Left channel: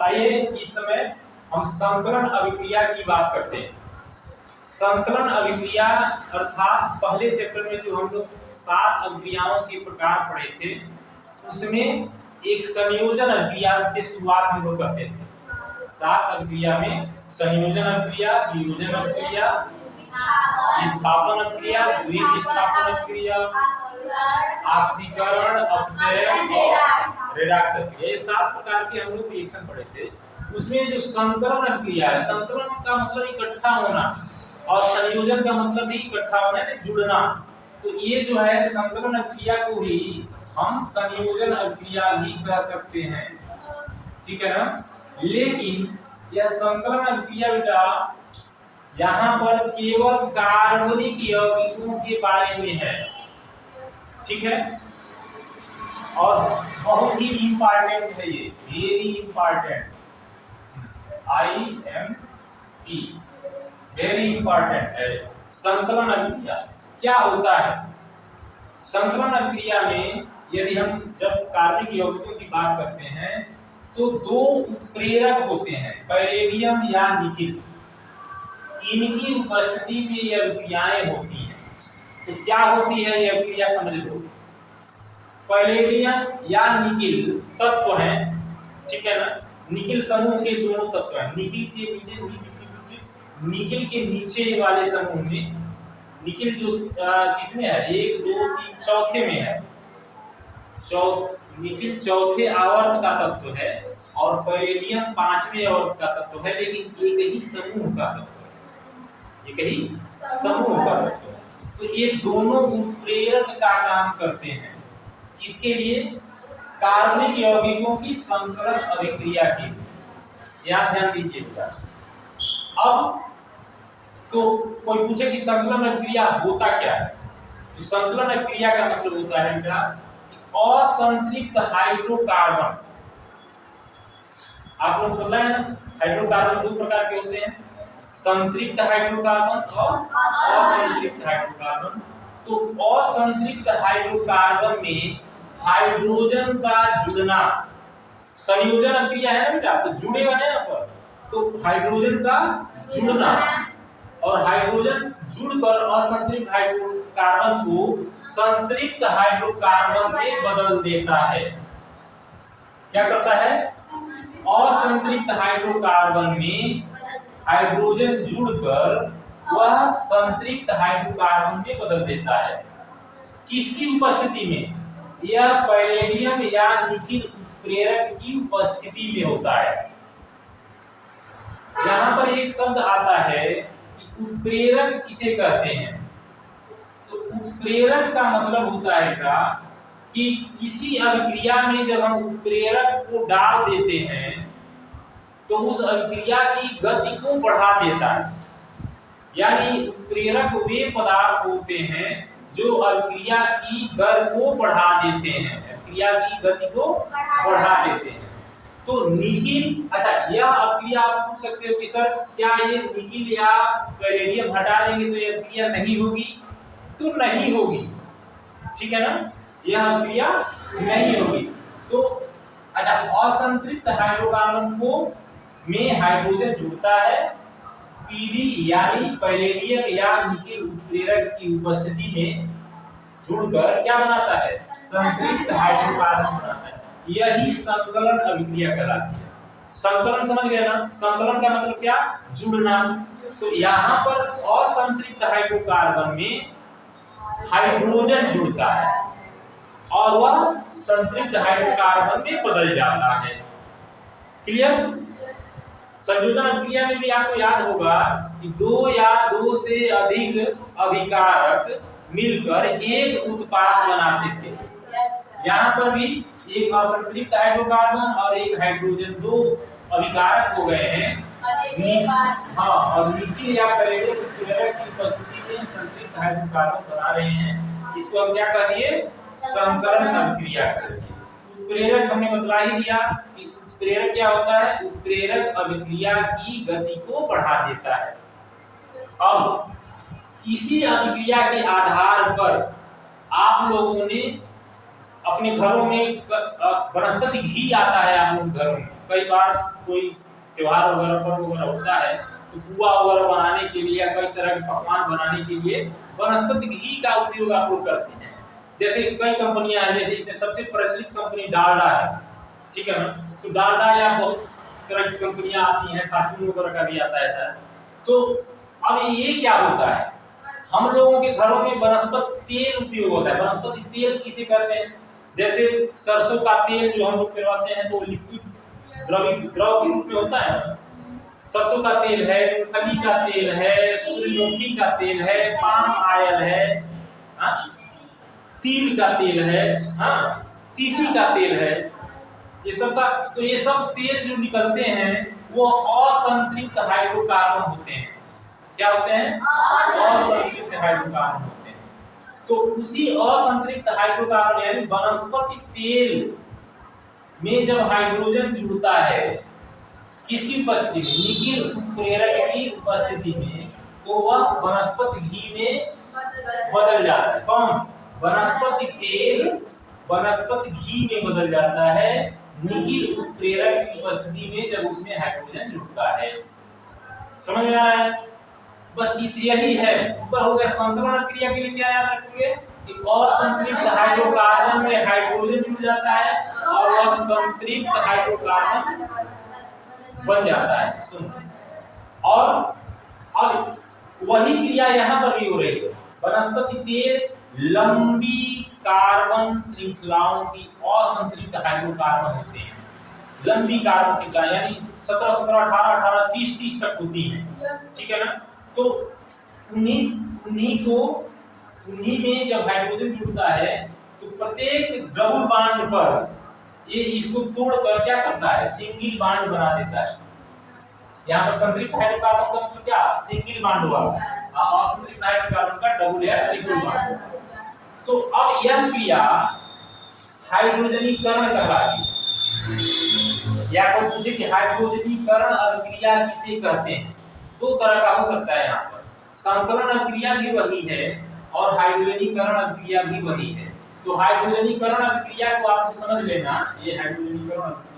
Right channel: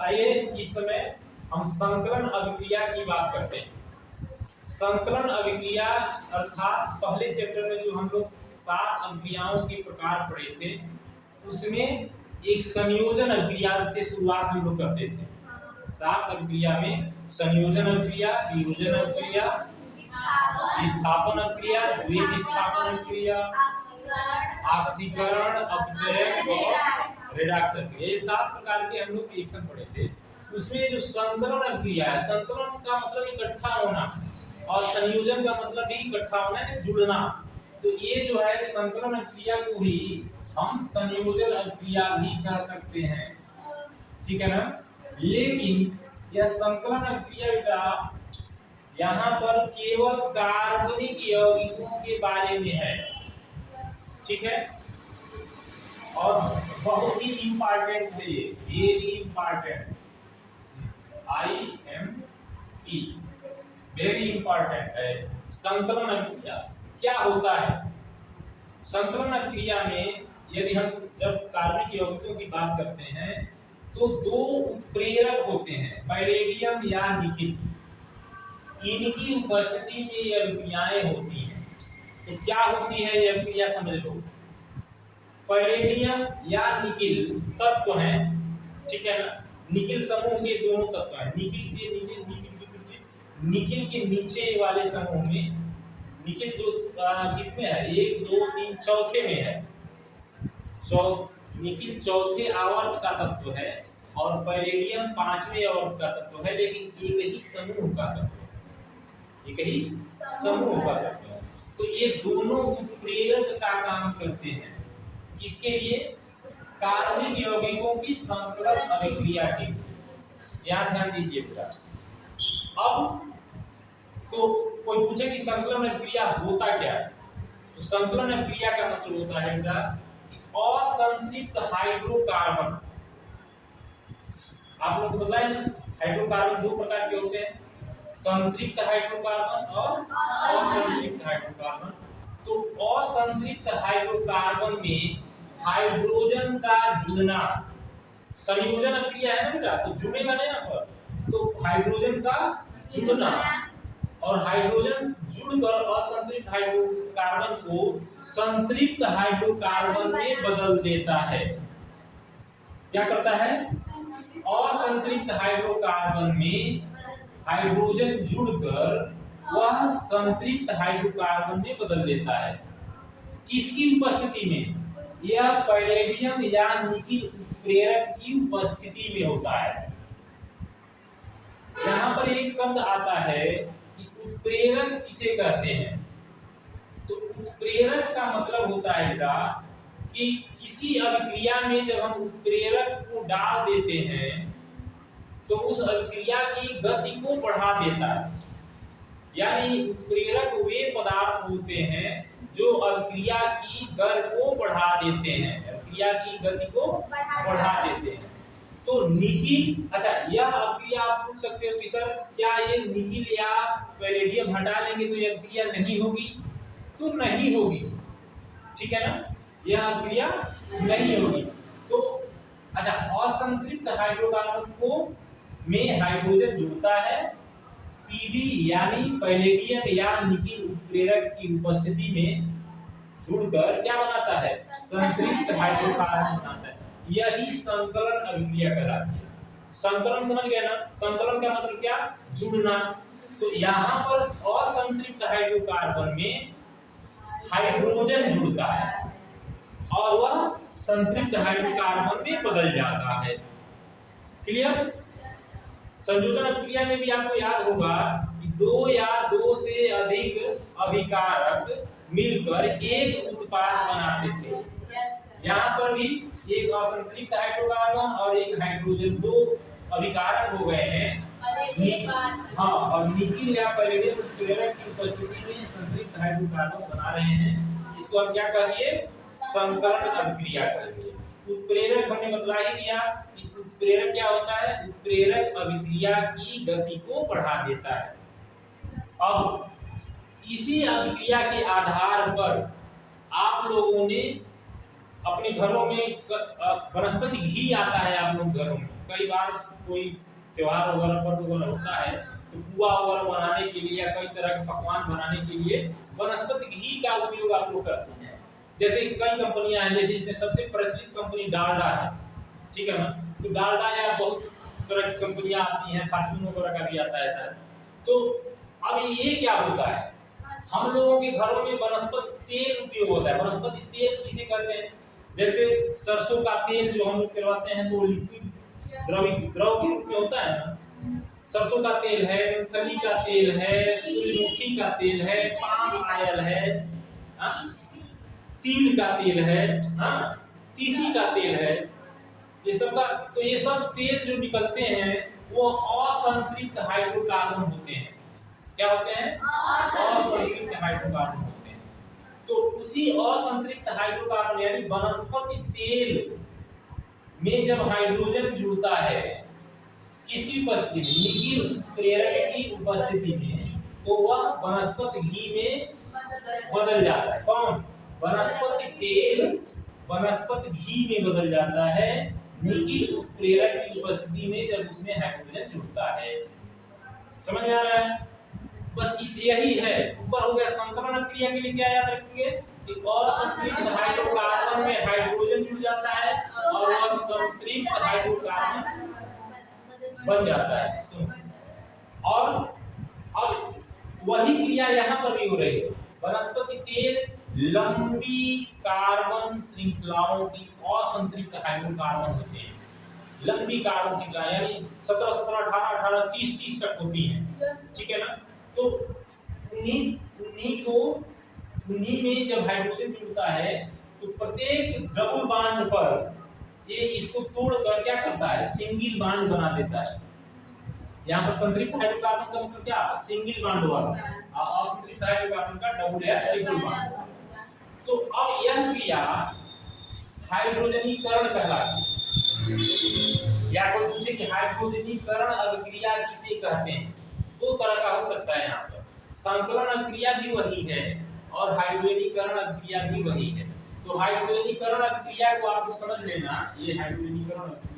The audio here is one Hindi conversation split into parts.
आइए इस समय हम संकरण अभिक्रिया की बात करते हैं। संकरण अभिक्रिया अर्थात पहले चैप्टर में जो हम लोग 7 अभिक्रियाओं के प्रकार पढ़े थे, उसमें एक संयोजन अभिक्रिया से शुरुआत हम लोग करते थे। 7 अभिक्रिया में संयोजन अभिक्रिया, वियोजन अभिक्रिया, विस्थापन अभिक्रिया, द्वितीय विस्थापन अभिक्रिया, ऑक्सीकरण, अपचयन और रेडॉक्स अभिक्रिया, ये 7 प्रकार के हम लोग रिएक्शन पढ़े थे। उसमें जो संकरण अभिक्रिया है, संकरण का मतलब इकट्ठा होना और संयोजन का मतलब भी इकट्ठा होना है, जुड़ना। तो ये जो है संकरण अभिक्रिया को ही हम संयोजन अभिक्रिया भी कह सकते हैं, ठीक है ना। लेकिन यह संकलन अभिक्रिया बेटा यहाँ पर केवल कार्बनिक यौगिकों के बारे में है, ठीक है, और बहुत ही इंपॉर्टेंट है ये, very important, IMP, very important है। संकलन अभिक्रिया क्या होता है? संकलन अभिक्रिया में यदि हम जब कार्बनिक यौगिकों की बात करते हैं तो 2 उत्प्रेरक होते हैं, पैलेडियम या निकिल। इनकी उपस्थिति में ये अभिक्रियाएं होती हैं। तो क्या होती है ये अभिक्रिया समझ लो। पैलेडियम या निकिल तत्व हैं, ठीक है ना, निकिल समूह के दोनों तत्व हैं। निकिल के नीचे वाले समूह में निकिल जो किसमें है, 1 2 3 चौथे में है, निकिल चौथे आवर्त का तत्व है और पैलेडियम 5वें आवर्त का तत्व है, लेकिन एक ही समूह का तत्व है, एक ही समूह का तत्व है। तो ये दोनों उत्प्रेरक का काम करते हैं, किसके लिए? कार्बनिक यौगिकों की संकलन अभिक्रिया के लिए। यहाँ ध्यान दीजिए बेटा। अब तो कोई पूछे कि संकलन अभिक्रिया होता क्या है, तो संकलन अभिक्रिया का मतलब होता है बेटा असंतृप्त हाइड्रोकार्बन। आप लोग पता है ना, हाइड्रोकार्बन 2 प्रकार के होते हैं, संतृप्त हाइड्रोकार्बन और असंतृप्त हाइड्रोकार्बन। तो असंतृप्त हाइड्रोकार्बन में हाइड्रोजन का जुड़ना, संयोजन अभिक्रिया है ना बेटा, तो जुड़ेगा ना यहाँ पर, तो हाइड्रोजन का जुड़ना और हाइड्रोजन जुड़कर असंतृप्त हाइड्रोकार्बन को संतृप्त हाइड्रोकार्बन में बदल देता है। क्या करता है? असंतृप्त हाइड्रोकार्बन में हाइड्रोजन जुड़कर वह संतृप्त हाइड्रोकार्बन में बदल देता है। किसकी उपस्थिति में? यह पैलेडियम या निकिल उत्प्रेरक की उपस्थिति में होता है। यहाँ पर एक शब्द आता है कि उत्प्रेरक किसे कहते हैं। तो उत्प्रेरक का मतलब होता है बेटा कि किसी अभिक्रिया में जब हम उत्प्रेरक को डाल देते हैं तो उस अभिक्रिया की गति को बढ़ा देता है। यानी उत्प्रेरक वे पदार्थ होते हैं जो अभिक्रिया की दर को बढ़ा देते हैं, अभिक्रिया की गति को बढ़ा देते हैं। तो निकिल, अच्छा यह अभिक्रिया आप पूछ सकते हो कि सर क्या ये निकिल या पैलेडियम हटा देंगे तो यह अभिक्रिया नहीं होगी? तो नहीं होगी, ठीक है ना, यह अभिक्रिया नहीं होगी। तो अच्छा, असंतृप्त हाइड्रोकार्बन को में हाइड्रोजन जुड़ता है, पीडी यानी पैलेडियम या निकिल उत्प्रेरक की उपस्थिति में जुड़कर क्या बनाता है? संतृप्त हाइड्रोकार्बन बनाता है। यही संकलन अभिक्रिया कहलाती है। संकलन समझ गए ना? संकलन का मतलब क्या? जुड़ना। तो यहाँ पर असंतृप्त हाइड्रोकार्बन में हाइड्रोजन जुड़ता है और वह संतृप्त हाइड्रोकार्बन में बदल जाता है। क्लियर? संयोजन अभिक्रिया में भी आपको याद होगा कि 2 या 2 से अधिक अभिकारक मिलकर एक उत्पाद बनाते थे। यहाँ पर भी एक असंतृप्त हाइड्रोकार्बन और एक हाइड्रोजन, 2 अभिकारक हो गए हैं। हाँ, और निकिल या पैलेडियम उत्प्रेरक की उपस्थिति में संतृप्त हाइड्रोकार्बन बना रहे हैं। इसको हम क्या कह दिए? संकलन अभिक्रिया कह दिए। उत्प्रेरक हमने बतला ही दिया कि उत्प्रेरक क्या होता है? उत्प्रेरक अभिक्रिया की गति को बढ़ा देता है। अब इसी अभिक्रिया के आधार पर आप लोगों ने अपने घरों में वनस्पति घी आता है, आप लोग घरों में कई बार कोई त्योहार वगैरह पर्व वगैरह होता है तो पुआ वगैरह बनाने के लिए या कई तरह के पकवान बनाने के लिए वनस्पति घी का उपयोग आप लोग करते हैं। जैसे कई कंपनियां हैं, जैसे इसमें सबसे प्रचलित कंपनी डालडा है, ठीक है ना। तो डालडा या बहुत तरह की कंपनियां आती हैं, फॉर्च्यून वगैरह का भी आता है शायद। तो अब ये क्या होता है, हम लोगों के घरों में वनस्पति तेल उपयोग होता है। वनस्पति तेल किसे कहते हैं, जैसे सरसों का तेल जो हम लोग करवाते हैं तो लिक्विड द्रव के रूप में होता है ना। सरसों का तेल है, मूंगफली का तेल है, सूर्यमुखी का तेल है, पाम ऑयल है, तिल का तेल है, तीसी का तेल है, ये सब का। तो ये सब तेल जो निकलते हैं वो असंतृप्त हाइड्रोकार्बन होते हैं। क्या होते हैं? असंतृप्त हाइड्रोकार्बन होते हैं। तो उसी असंतृप्त हाइड्रोकार्बन यानी वनस्पति तेल में जब हाइड्रोजन जुड़ता है किसकी उपस्थिति में, निकिल उत्प्रेरक की उपस्थिति में, तो वह वनस्पति घी में बदल जाता है। कौन? वनस्पति तेल वनस्पति घी में बदल जाता है निकिल उत्प्रेरक की उपस्थिति में, जब उसमें हाइड्रोजन जुड़ता है। समझ में आ रहा है? बस यही है। ऊपर हो गया संकरण क्रिया के लिए क्या याद रखेंगे कि असंतृप्त हाइड्रोकार्बन में हाइड्रोजन जुड़ जाता है और वह संतृप्त हाइड्रोकार्बन बन जाता है। और अब वही क्रिया यहाँ पर भी हो रही है। वनस्पति तेल लंबी कार्बन श्रृंखलाओं की असंतृप्त हाइड्रोकार्बन होते हैं। लंबी कार्बन श्रृंखला यानी 17 17 18 18 30 30 तक होती हैं, ठीक है ना। तो उन्हीं में जब हाइड्रोजन जुड़ता है तो प्रत्येक डबल बॉन्ड पर ये इसको तोड़कर क्या करता है, सिंगल बॉन्ड बना देता है। यहाँ पर संतृप्त हाइड्रोकार्बन का मतलब क्या, सिंगल बॉन्ड हुआ, असंतृप्त हाइड्रोकार्बन का डबल या ट्रिपल बॉन्ड। तो अब यह क्रिया हाइड्रोजनीकरण कहलाती है। या कोई पूछे कि हाइड्रोजनीकरण अभिक्रिया किसे कहते हैं, दो तरह का हो सकता है। यहाँ पर संकलन अभिक्रिया भी वही है और हाइड्रोजनीकरण अभिक्रिया भी वही है। तो हाइड्रोजनीकरण अभिक्रिया को आप समझ लेना, ये हाइड्रोजनीकरण अभिक्रिया।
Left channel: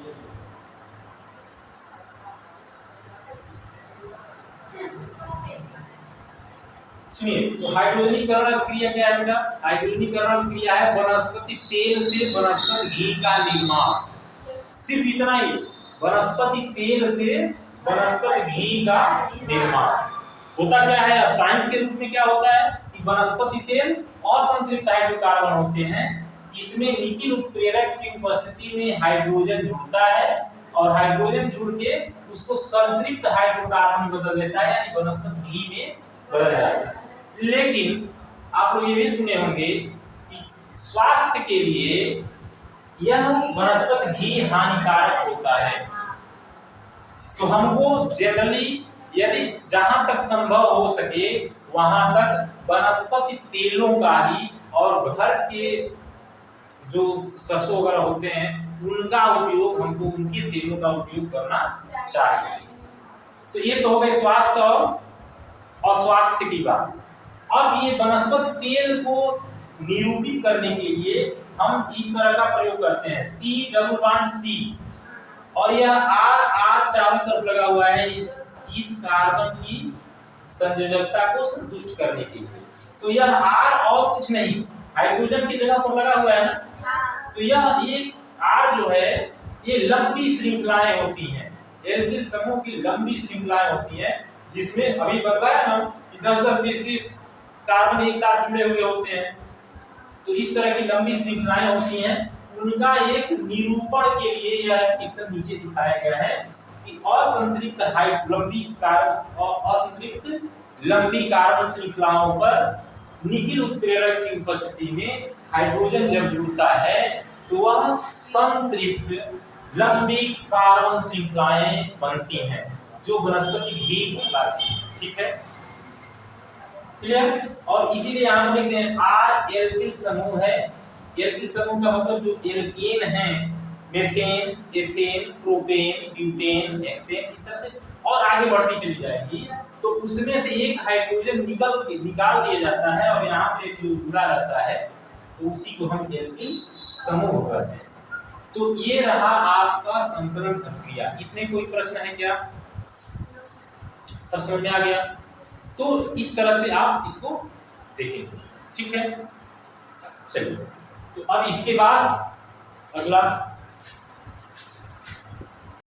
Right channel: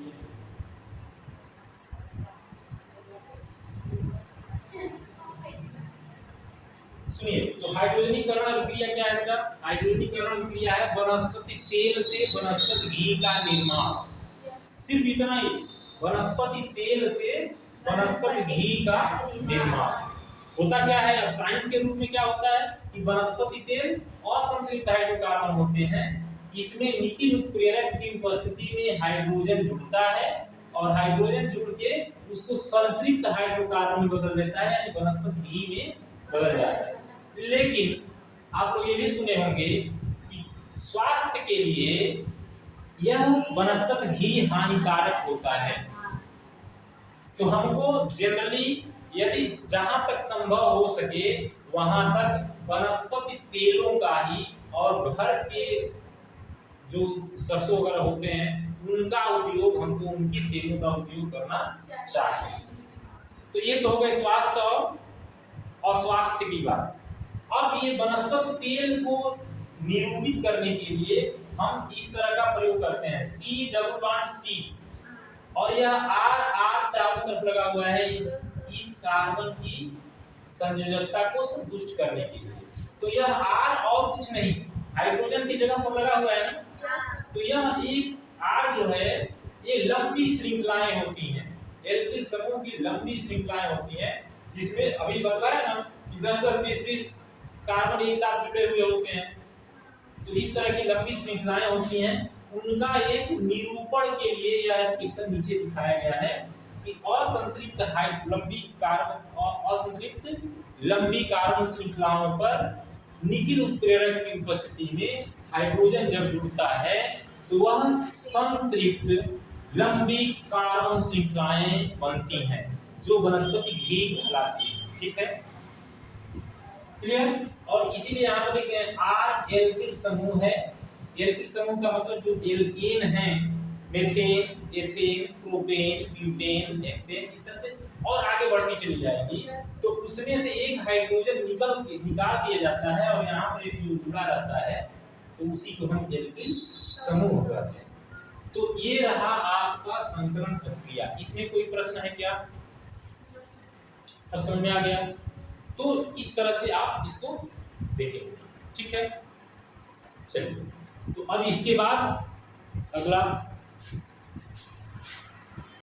सुनिए, तो हाइड्रोजनीकरण अभिक्रिया क्या है बेटा? हाइड्रोजनीकरण अभिक्रिया है वनस्पति तेल से वनस्पति घी का निर्माण। सिर्फ इतना ही, वनस्पति तेल से वनस्पति घी का निर्माण। होता क्या है, अब साइंस के रूप में क्या होता है कि वनस्पति तेल असंतृप्त हाइड्रोकार्बन होते हैं, इसमें निकिल उत्प्रेरक की उपस्थिति में हाइड्रोजन जुड़ता है और हाइड्रोजन जुड़ के उसको संतृप्त हाइड्रोकार्बन में बदल देता है, यानी वनस्पति घी में बदल जाता है। लेकिन आप लोग ये भी सुने होंगे कि स्वास्थ्य के लिए यह वनस्पति घी हानिकारक होता है। तो हमको जनरली यदि जहां तक संभव हो सके वहां तक वनस्पति तेलों का ही और घर के जो सरसों वगैरह होते हैं उनका उपयोग, हमको उनके तेलों का उपयोग करना चाहिए। तो ये तो हो गई स्वास्थ्य और अस्वास्थ्य की बात। अब ये वनस्पति तेल को निरूपित करने के लिए हम इस तरह का प्रयोग करते हैं, C डबल बॉन्ड C, और यह R चारों तरफ लगा हुआ है इस कार्बन की संयोजकता को संतुष्ट करने के लिए। तो यह R और कुछ नहीं, हाइड्रोजन की जगह पर लगा हुआ है ना। तो यह एक R जो है ये लंबी श्रृंखलाएं होती हैं, एल्किल समूह की लंबी श्रृंखलाएं होती हैं, जिसमें अभी बताया ना कि 10-10 20-20 कार्बन एक साथ जुड़े हुए होते हैं। तो इस तरह की लंबी श्रृंखलाएं होती हैं, उनका एक निरूपण के लिए यह फिक्सन नीचे दिखाया गया है कि असंतृप्त लंबी कार्बन श्रृंखलाओं पर निकिल उत्प्रेरक की उपस्थिति में हाइड्रोजन जब जुड़ता है तो वह संतृप्त लंबी कार्बन श्रृंखलाएं बनती हैं जो वनस्पति घी कहलाती है। ठीक है, क्लियर? और इसीलिए यहाँ पर लिखते हैं R एल्किल समूह है। एल्किल समूह का मतलब जो एल्केन है, methane, ethane, propane, butane, hexane, इस तरह से और आगे बढ़ती चली जाएगी। तो उसमें से एक हाइड्रोजन निकाल दिया जाता है और यहाँ पे जो जुड़ा रहता है तो उसी को हम एल्किल समूह कहते हैं। तो ये रहा आपका हस्तांतरण प्रक्रिया। इसमें कोई प्रश्न है क्या? सब समझ में आ गया? तो इस तरह से आप इसको देखेंगे, ठीक है। चलिए, तो अब इसके बाद अगला